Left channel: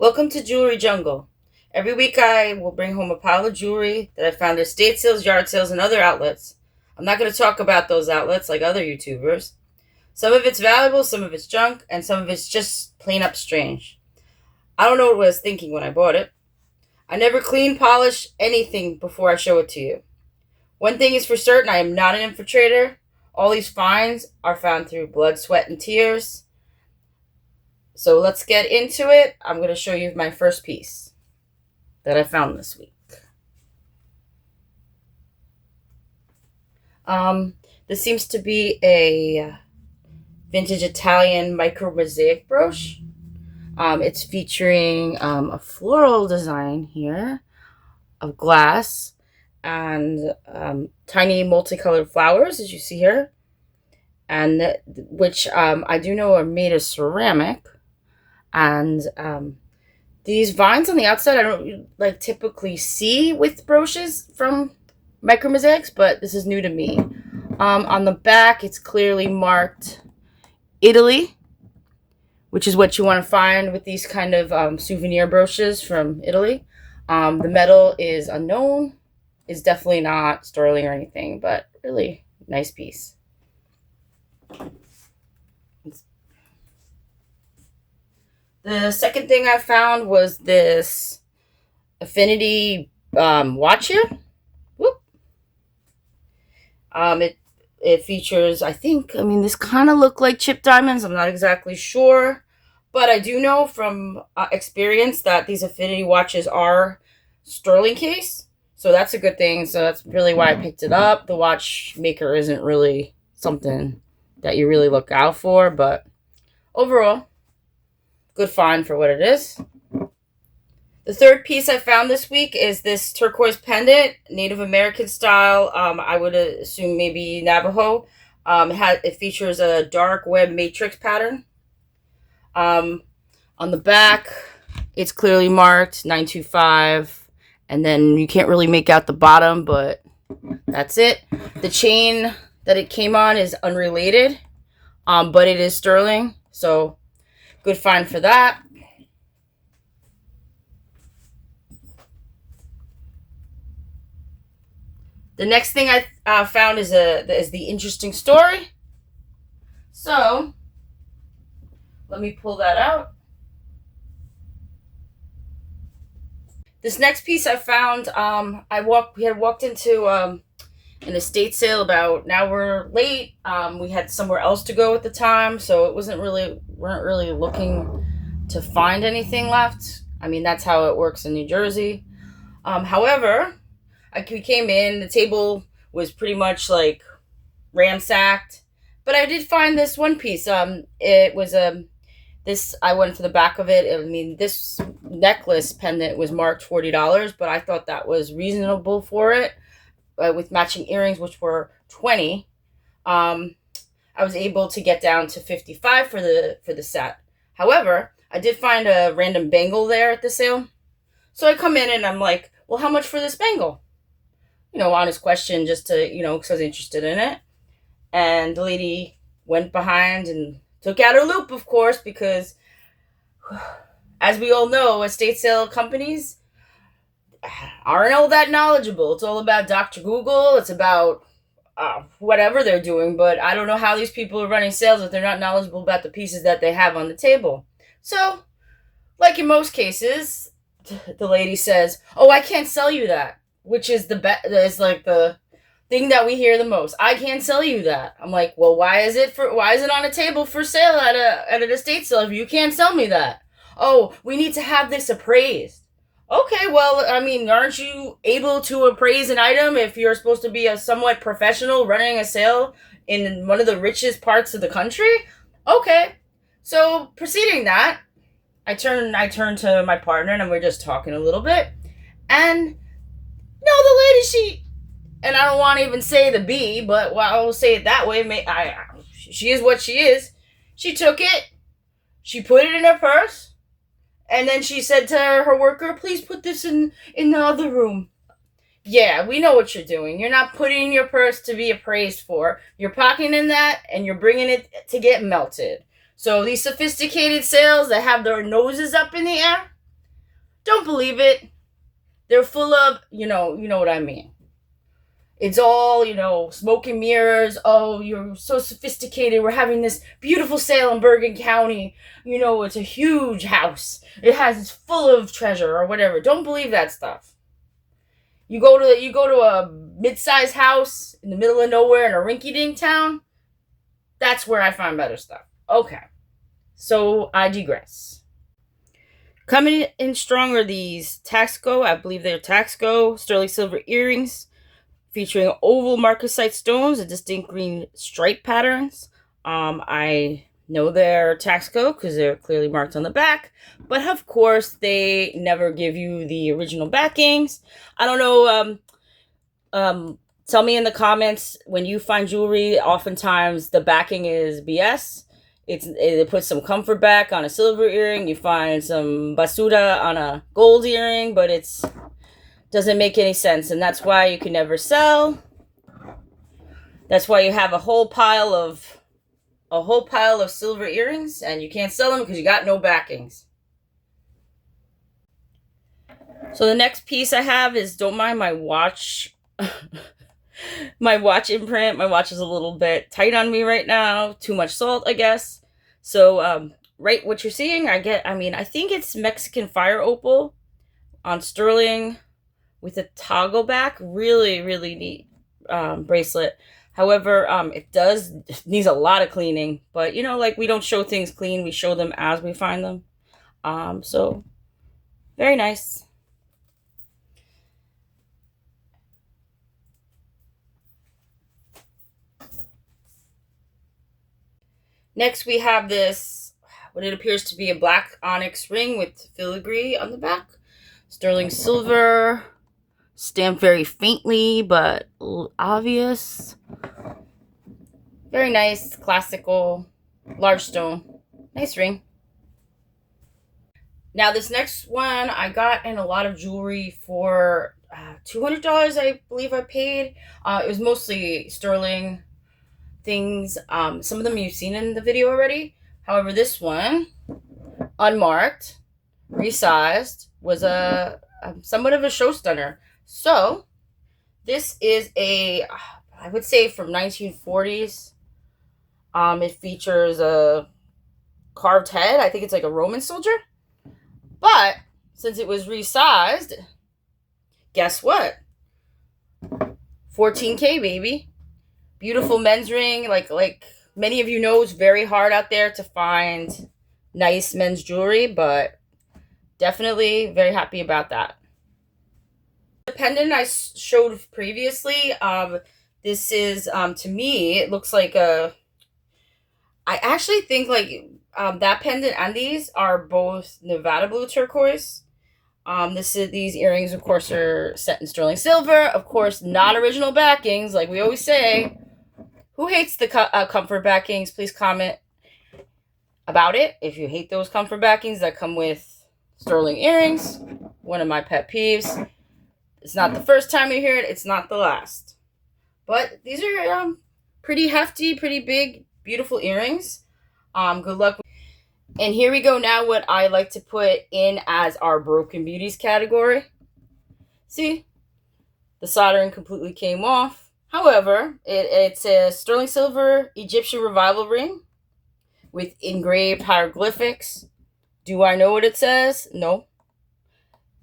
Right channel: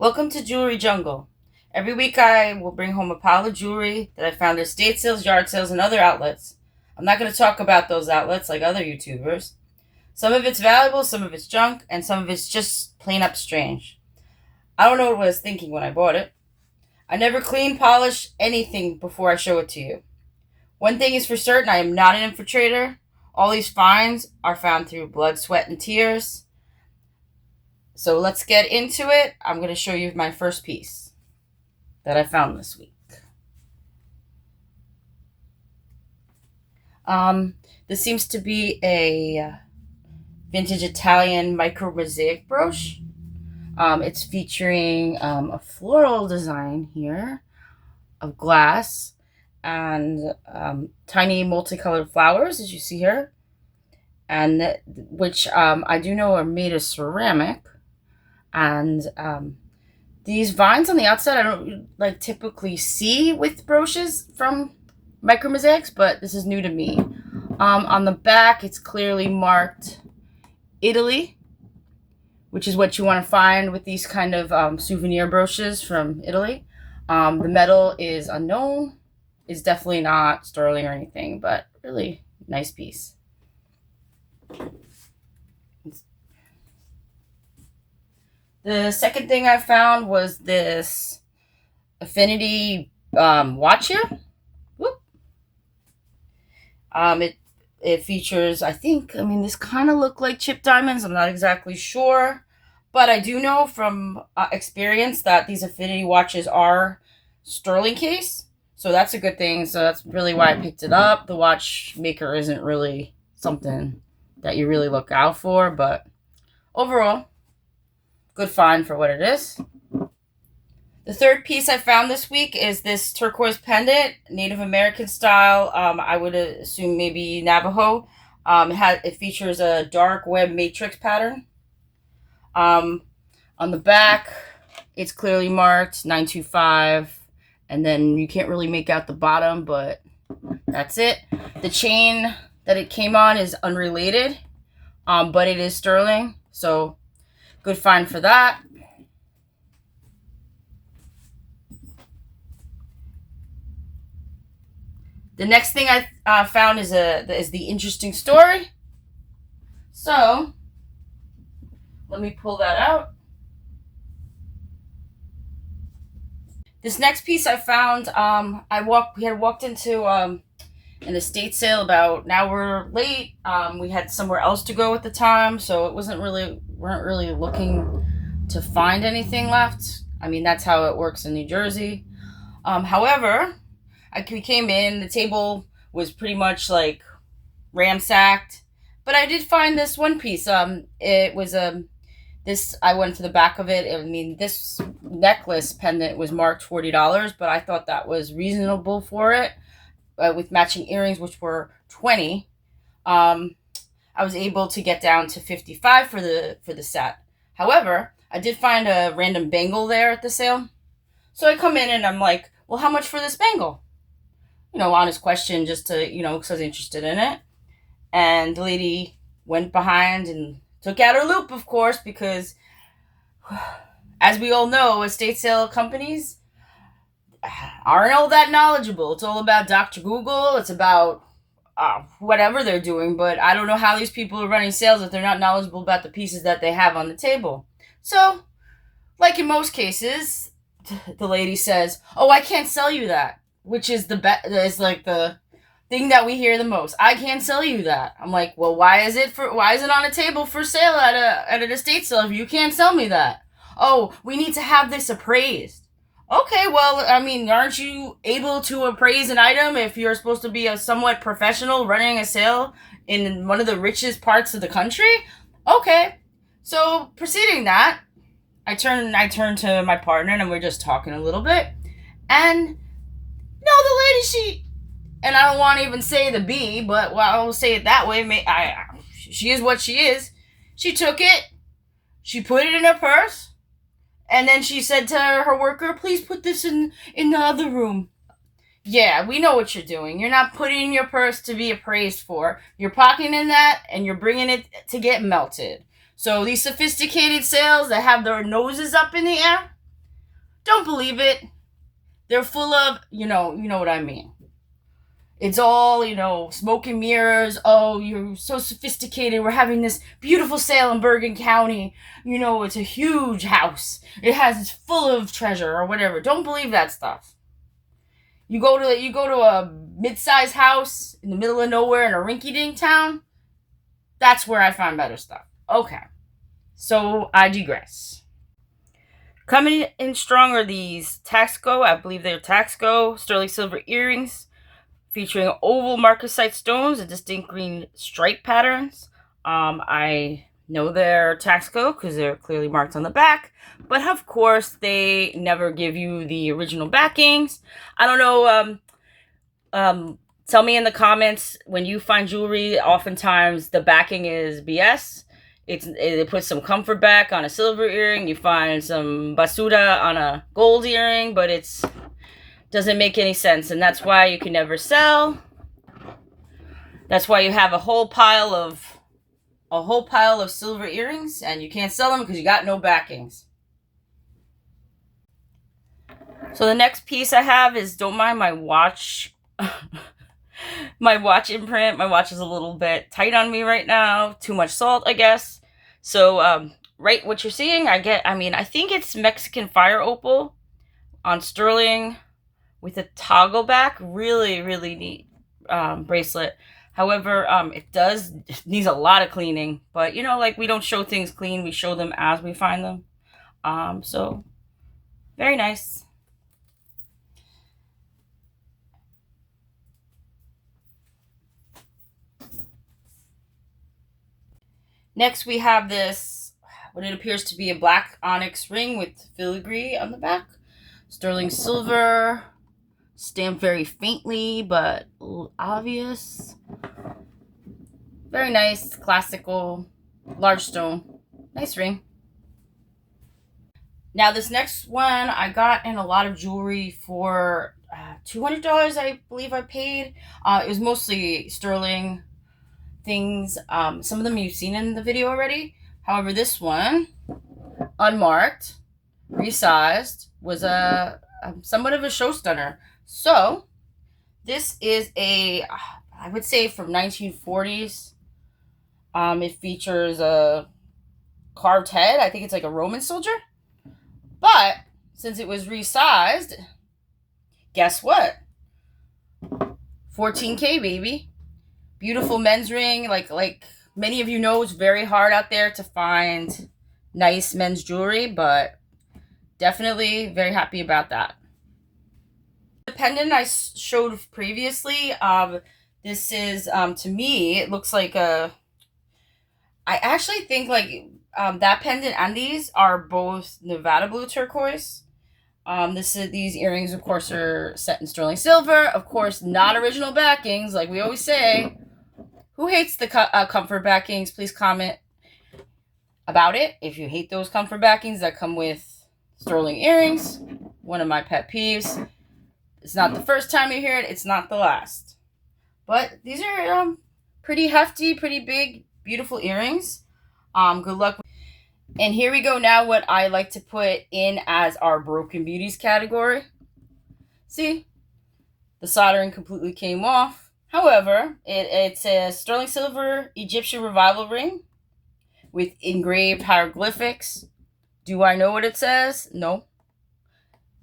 Welcome to Jewelry Jungle. Every week I will bring home a pile of jewelry that I found at estate sales, yard sales, and other outlets. I'm not going to talk about those outlets like other YouTubers. Some of it's valuable, some of it's junk, and some of it's just plain up strange. I don't know what I was thinking when I bought it. I never clean, polish anything before I show it to you. One thing is for certain, I am not an infiltrator. All these finds are found through blood, sweat, and tears. So let's get into it. I'm going to show you my first piece that I found this week. This seems to be a vintage Italian micro mosaic brooch. It's featuring a floral design here of glass and tiny multicolored flowers, as you see here, and which I do know are made of ceramic. And these vines on the outside I don't typically see with brooches from micro mosaics, but this is new to me. On the back, it's clearly marked Italy, which is what you want to find with these kind of souvenir brooches from Italy. The metal is unknown. It's definitely not sterling or anything, but really nice piece. The second thing I found was this Affinity watch here. Whoop. It features, this kind of look like chip diamonds. I'm not exactly sure, but I do know from experience that these Affinity watches are sterling case, so that's a good thing. So that's really why I picked it up. The watchmaker isn't really something that you really look out for, but overall, good find for what it is. The third piece I found this week is this turquoise pendant, Native American style. I would assume maybe Navajo. It features a dark web matrix pattern. On the back, it's clearly marked 925, and then you can't really make out the bottom, but that's it. The chain that it came on is unrelated, but it is sterling, so good find for that. The next thing I found is the interesting story. So let me pull that out. This next piece I found, we had walked into an estate sale about, now we're late. We had somewhere else to go at the time, so it weren't really looking to find anything left. That's how it works in New Jersey. However, we came in, the table was pretty much like ransacked, but I did find this one piece. It was this, I went to the back of it. This necklace pendant was marked $40, but I thought that was reasonable for it, with matching earrings, which were $20. I was able to get down to $55 for the set. However, I did find a random bangle there at the sale, so I come in and I'm like, well, how much for this bangle? Honest question, just to, because I was interested in it. And the lady went behind and took out her loop, of course, because as we all know, estate sale companies aren't all that knowledgeable. It's all about Dr. Google. It's about whatever they're doing, but I don't know how these people are running sales if they're not knowledgeable about the pieces that they have on the table. So, like in most cases, the lady says, "Oh, I can't sell you that," which is the thing that we hear the most. I can't sell you that. I'm like, well, why is it on a table for sale at an estate sale if you can't sell me that? Oh, we need to have this appraised. Okay, well, aren't you able to appraise an item if you're supposed to be a somewhat professional running a sale in one of the richest parts of the country? Okay. So, preceding that, I turn to my partner and we're just talking a little bit. And no, the lady, and I don't want to even say the B, but I will say it that way. She is what she is. She took it, she put it in her purse, and then she said to her worker, "Please put this in the other room." Yeah, we know what you're doing. You're not putting in your purse to be appraised for. You're pocketing that, and you're bringing it to get melted. So these sophisticated sales that have their noses up in the air, Don't believe it. They're full of, you know what I mean. It's all, smoke and mirrors. Oh, you're so sophisticated. We're having this beautiful sale in Bergen County. It's a huge house. It's full of treasure or whatever. Don't believe that stuff. You go to a mid-sized house in the middle of nowhere in a rinky-dink town. That's where I find better stuff. Okay. So I digress. Coming in strong are these Taxco, I believe they're Taxco sterling silver earrings featuring oval marcasite stones and distinct green stripe patterns. I know they're Taxco because they're clearly marked on the back, but of course they never give you the original backings. I don't know. Tell me in the comments, when you find jewelry, oftentimes the backing is BS. They put some comfort back on a silver earring. You find some basura on a gold earring, but it's doesn't make any sense, and that's why you can never sell. That's why you have a whole pile of silver earrings, and you can't sell them because you got no backings. So the next piece I have is, don't mind my watch. My watch imprint. My watch is a little bit tight on me right now. Too much salt, I guess. So, right, what you're seeing, I think it's Mexican fire opal on sterling with a toggle back. Really, really neat bracelet. However, it needs a lot of cleaning. But, we don't show things clean. We show them as we find them. So, very nice. Next, we have this, what it appears to be a black onyx ring with filigree on the back. Sterling silver, stamped very faintly, but obvious. Very nice, classical, large stone. Nice ring. Now, this next one, I got in a lot of jewelry for $200, I believe I paid. It was mostly sterling things. Some of them you've seen in the video already. However, this one, unmarked, resized, was a somewhat of a show stunner. So this is I would say from 1940s. It features a carved head. I think it's like a Roman soldier. But since it was resized, guess what? 14K, baby. Beautiful men's ring. Like many of you know, it's very hard out there to find nice men's jewelry, but definitely very happy about that. The pendant I showed previously, this is, to me, it looks like I actually think that pendant and these are both Nevada blue turquoise. These earrings, of course, are set in sterling silver. Of course, not original backings, like we always say. Who hates the comfort backings? Please comment about it. If you hate those comfort backings that come with sterling earrings, one of my pet peeves. It's not the first time you hear it. It's not the last. But these are pretty hefty, pretty big, beautiful earrings. Good luck. And here we go now, what I like to put in as our Broken Beauties category. See? The soldering completely came off. However, it's a sterling silver Egyptian revival ring with engraved hieroglyphics. Do I know what it says? No.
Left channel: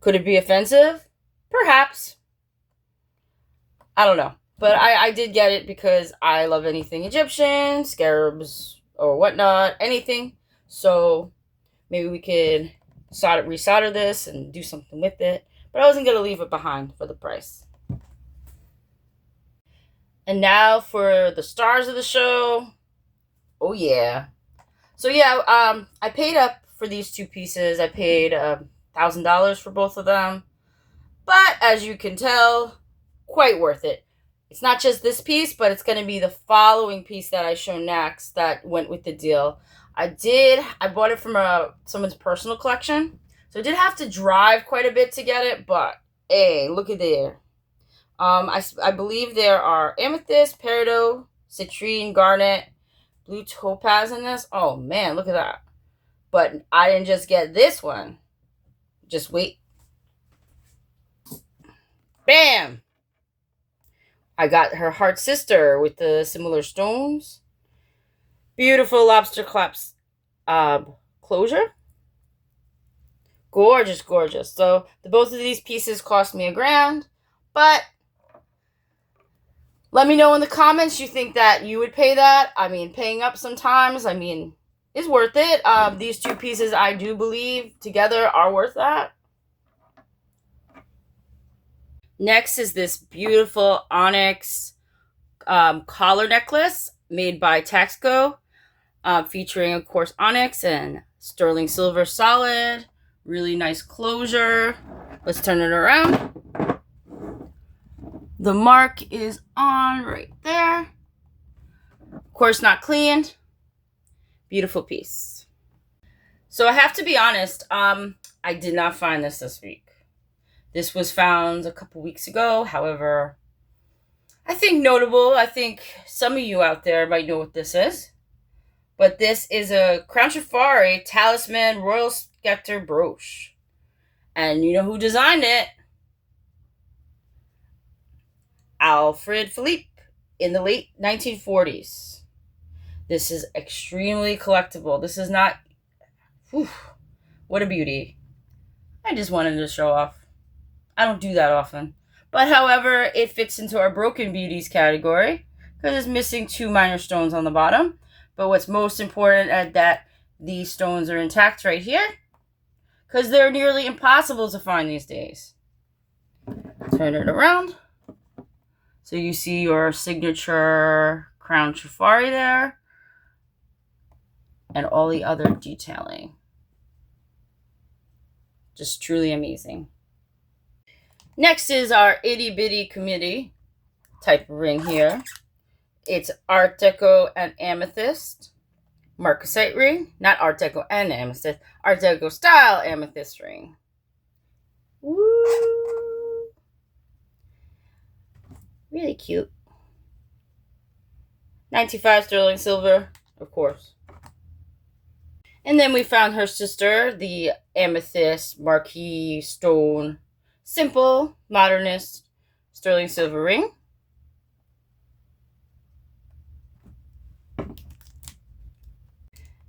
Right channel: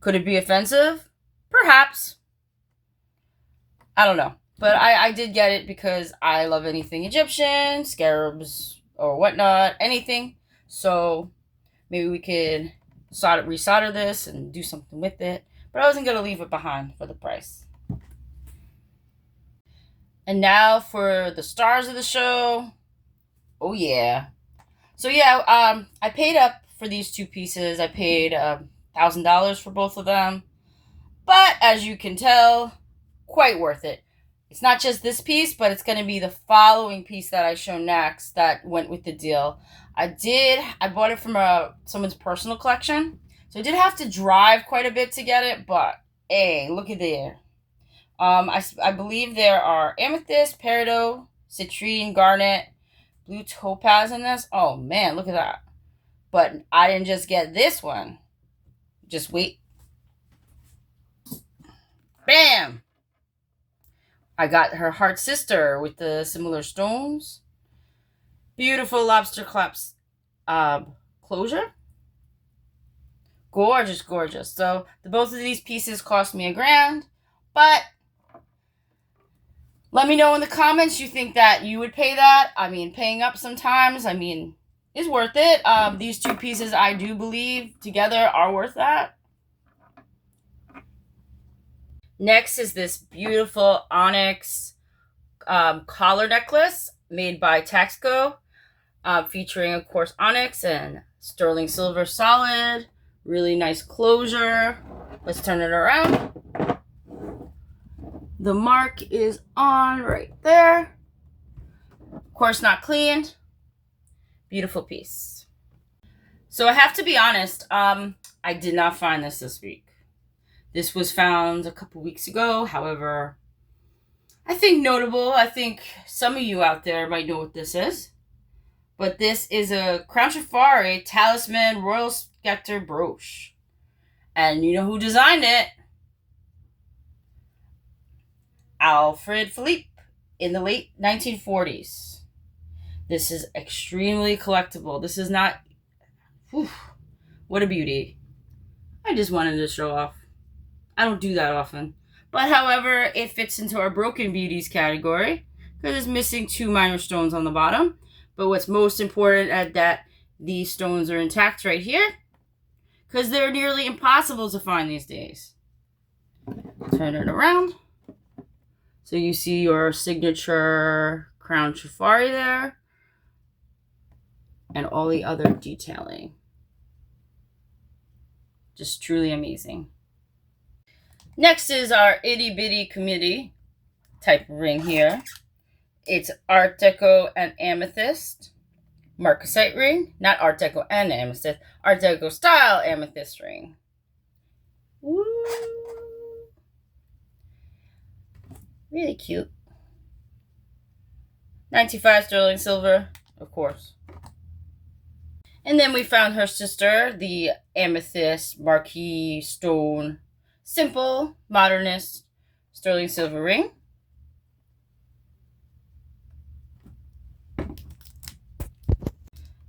Could it be offensive? Perhaps. I don't know. But I did get it because I love anything Egyptian, scarabs, or whatnot, anything. So maybe we could resolder this and do something with it. But I wasn't going to leave it behind for the price. And now for the stars of the show. Oh, yeah. So, yeah, I paid up for these two pieces. I paid $1,000 for both of them. But, as you can tell, quite worth it. It's not just this piece, but it's going to be the following piece that I show next that went with the deal. I bought it from someone's personal collection. So, I did have to drive quite a bit to get it, but, hey, look at there. I believe there are amethyst, peridot, citrine, garnet, blue topaz in this. Oh, man, look at that. But I didn't just get this one. Just wait. Bam! I got her heart sister with the similar stones. Beautiful lobster clasp closure. Gorgeous, gorgeous. So both of these pieces cost me $1,000, but let me know in the comments you think that you would pay that. I mean, paying up sometimes, I mean, is worth it. These two pieces, I do believe, together are worth that. Next is this beautiful onyx collar necklace made by Taxco, featuring, of course, onyx and sterling silver solid. Really nice closure. Let's turn it around. The mark is on right there. Of course, not cleaned. Beautiful piece. So I have to be honest, I did not find this week. This was found a couple weeks ago. However, I think notable. I think some of you out there might know what this is. But this is a Crown Trifari Talisman Royal Scepter brooch. And you know who designed it? Alfred Philippe in the late 1940s. This is extremely collectible. This is not... Whew, what a beauty. I just wanted to show off. I don't do that often. But however, it fits into our Broken Beauties category because it's missing 2 minor stones on the bottom. But what's most important is that these stones are intact right here because they're nearly impossible to find these days. Turn it around. So you see your signature Crown Trifari there and all the other detailing. Just truly amazing. Next is our itty bitty committee type ring here. It's Art Deco and Amethyst marcasite ring. Not Art Deco and Amethyst. Art Deco style amethyst ring. Woo! Really cute. 95 sterling silver, of course. And then we found her sister, the Amethyst Marquise Stone Simple Modernist sterling silver ring.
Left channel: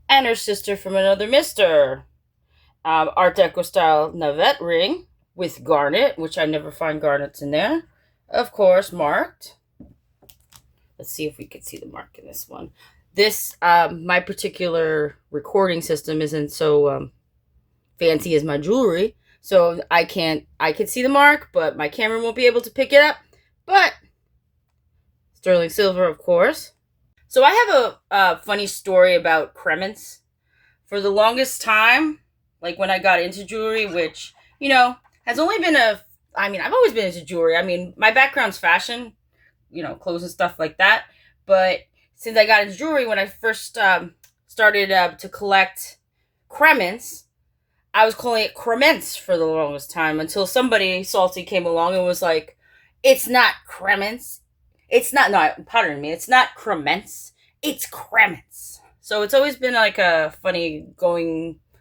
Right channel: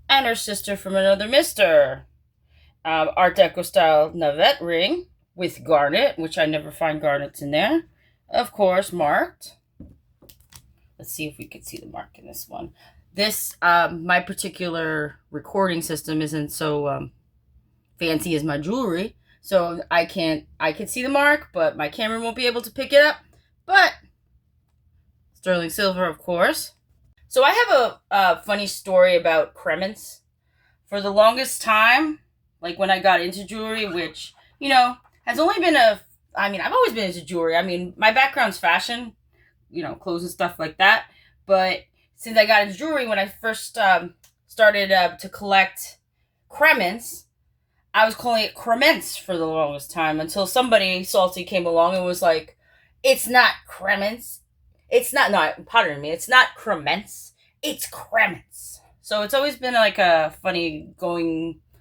And her sister from another mister, Art Deco style Navette ring with garnet, which I never find garnets in there. Of course, marked. Let's see if we can see the mark in this one. This, my particular recording system isn't so fancy as my jewelry. So I can see the mark, but my camera won't be able to pick it up. But sterling silver, of course. So I have a funny story about cremants. For the longest time, like when I got into jewelry, which, you know, has only been I've always been into jewelry. I mean, my background's fashion, you know, clothes and stuff like that. But since I got into jewelry, when I first started to collect cremants, I was calling it crements for the longest time until somebody salty came along and was like, it's not crements. It's not, no, pardon me, it's not crements. It's crements. So it's always been like a funny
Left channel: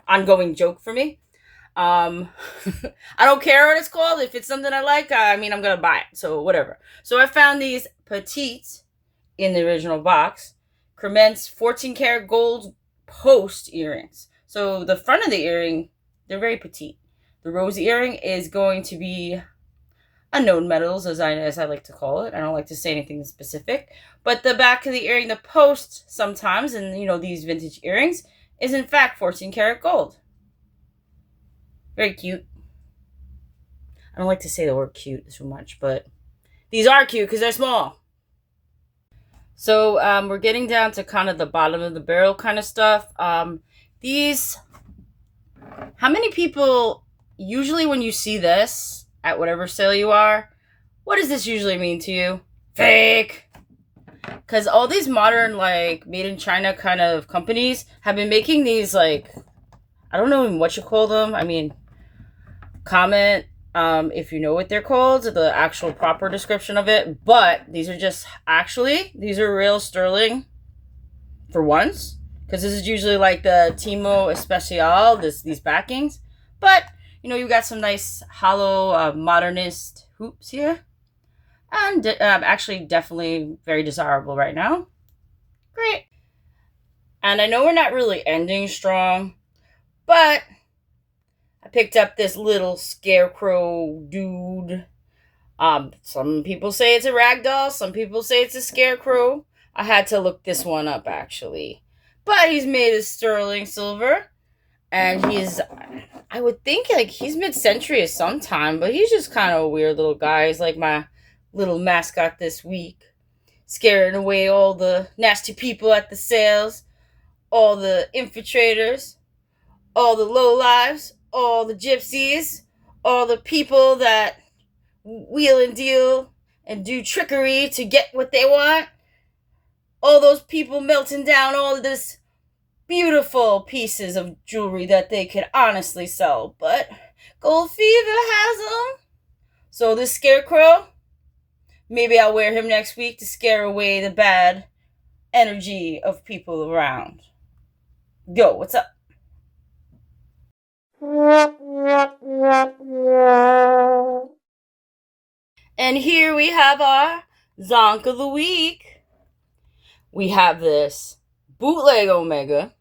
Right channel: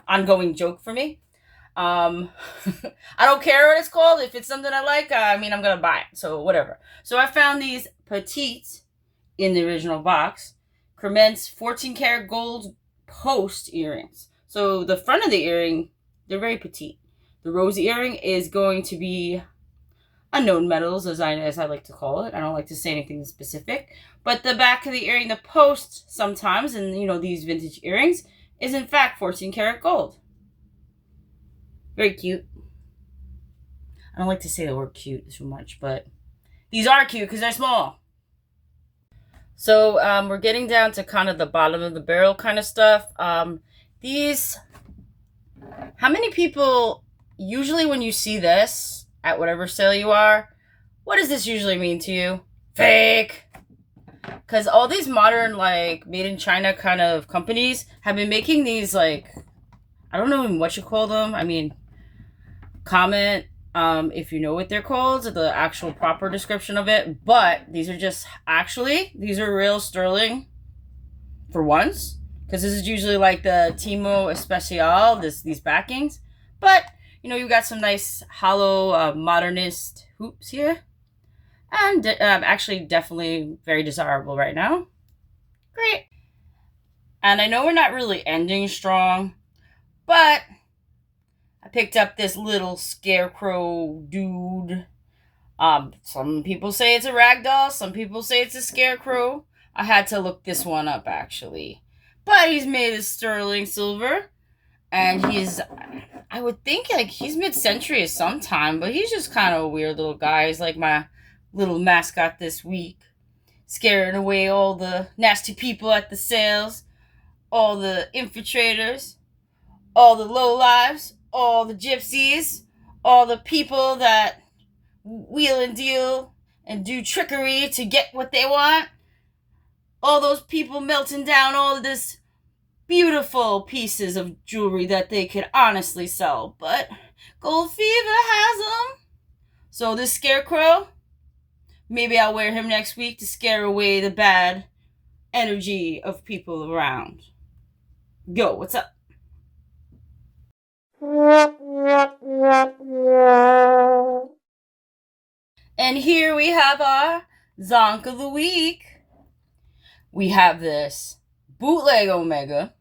ongoing joke for me. I don't care what it's called. If it's something I like, I'm going to buy it. So whatever. So I found these petites in the original box. Crements 14 karat gold post earrings. So the front of the earring, they're very petite. The rose earring is going to be unknown metals, as I like to call it. I don't like to say anything specific. But the back of the earring, the post sometimes, and you know, these vintage earrings, is in fact 14 karat gold. Very cute. I don't like to say the word cute so much, but these are cute because they're small. So we're getting down to kind of the bottom of the barrel kind of stuff. How many people, usually when you see this at whatever sale you are, what does this usually mean to you? Fake! Because all these modern, like, made in China kind of companies have been making these, like, I don't know what you call them. I mean, comment if you know what they're called, the actual proper description of it. But these are real sterling for once. Because this is usually like the Timo Especial, these backings. But, you know, you got some nice hollow modernist hoops here. And actually definitely very desirable right now. Great. And I know we're not really ending strong, but I picked up this little scarecrow dude. Some people say it's a ragdoll, some people say it's a scarecrow. I had to look this one up actually. But he's made of sterling silver, and I would think like he's mid-century at some time, but he's just kind of a weird little guy. He's like my little mascot this week, scaring away all the nasty people at the sales, all the infiltrators, all the lowlives, all the gypsies, all the people that wheel and deal and do trickery to get what they want. All those people melting down all of this beautiful pieces of jewelry that they could honestly sell. But Gold Fever has them. So this scarecrow, maybe I'll wear him next week to scare away the bad energy of people around. Go, what's up? And here we have our Zonk of the Week. We have this bootleg Omega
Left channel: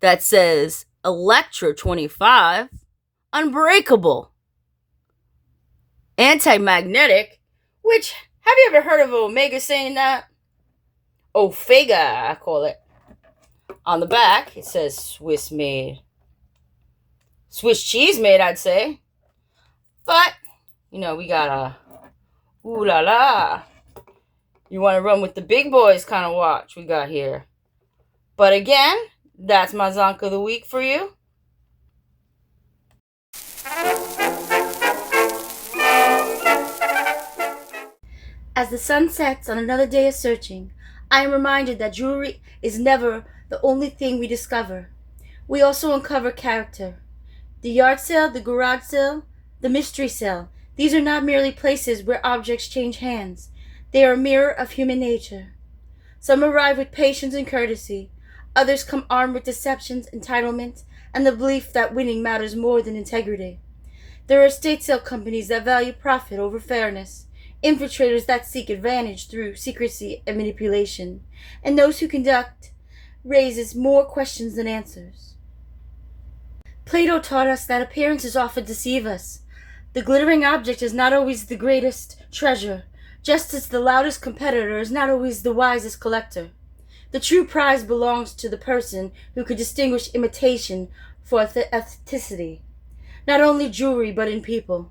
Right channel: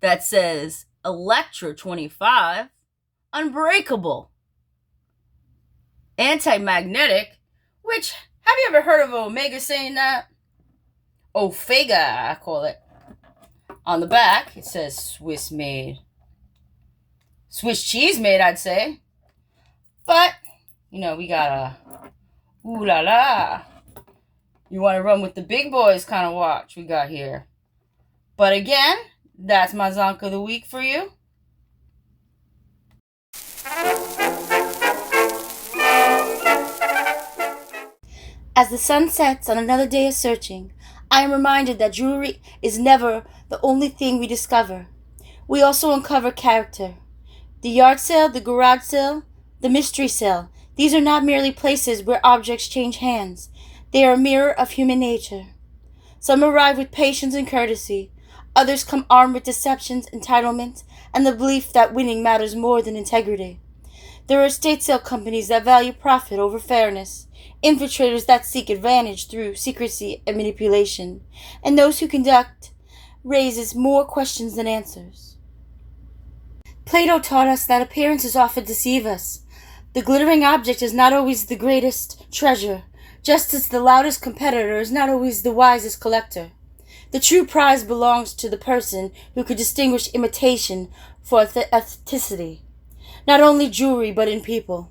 that says Electra 25, Unbreakable, Anti-Magnetic, which, have you ever heard of Omega saying that? Ofega, I call it. On the back, it says Swiss made. Swiss cheese made, I'd say. But, we got a ooh la la. You want to run with the big boys kind of watch we got here. But again, that's my Zonk of the Week for you. As the sun sets on another day of searching, I am reminded that jewelry is never the only thing we discover. We also uncover character. The yard sale, the garage sale, the mystery sale. These are not merely places where objects change hands. They are a mirror of human nature. Some arrive with patience and courtesy. Others come armed with deceptions, entitlement, and the belief that winning matters more than integrity. There are estate sale companies that value profit over fairness, infiltrators that seek advantage through secrecy and manipulation, and those who conduct raises more questions than answers. Plato taught us that appearances often deceive us. The glittering object is not always the greatest treasure, just as the loudest competitor is not always the wisest collector. The true prize belongs to the person who could distinguish imitation from authenticity, not only jewelry but in people.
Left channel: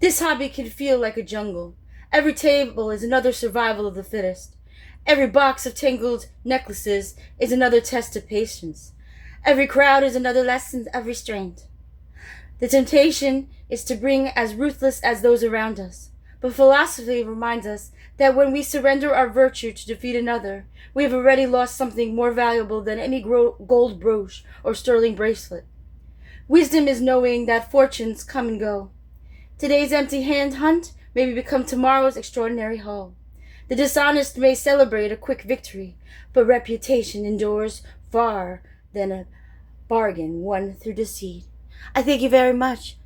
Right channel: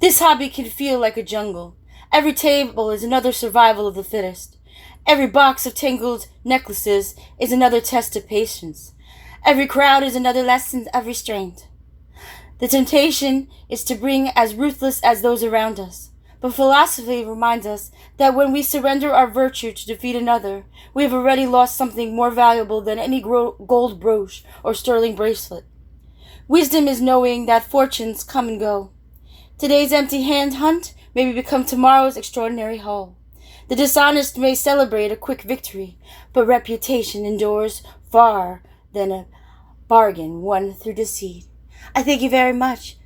This hobby can feel like a jungle. Every table is another survival of the fittest. Every box of tangled necklaces is another test of patience. Every crowd is another lesson of restraint. The temptation is to bring as ruthless as those around us. But philosophy reminds us that when we surrender our virtue to defeat another, we have already lost something more valuable than any gold brooch or sterling bracelet. Wisdom is knowing that fortunes come and go. Today's empty-hand hunt may become tomorrow's extraordinary haul. The dishonest may celebrate a quick victory, but reputation endures far than a bargain won through deceit. I thank you very much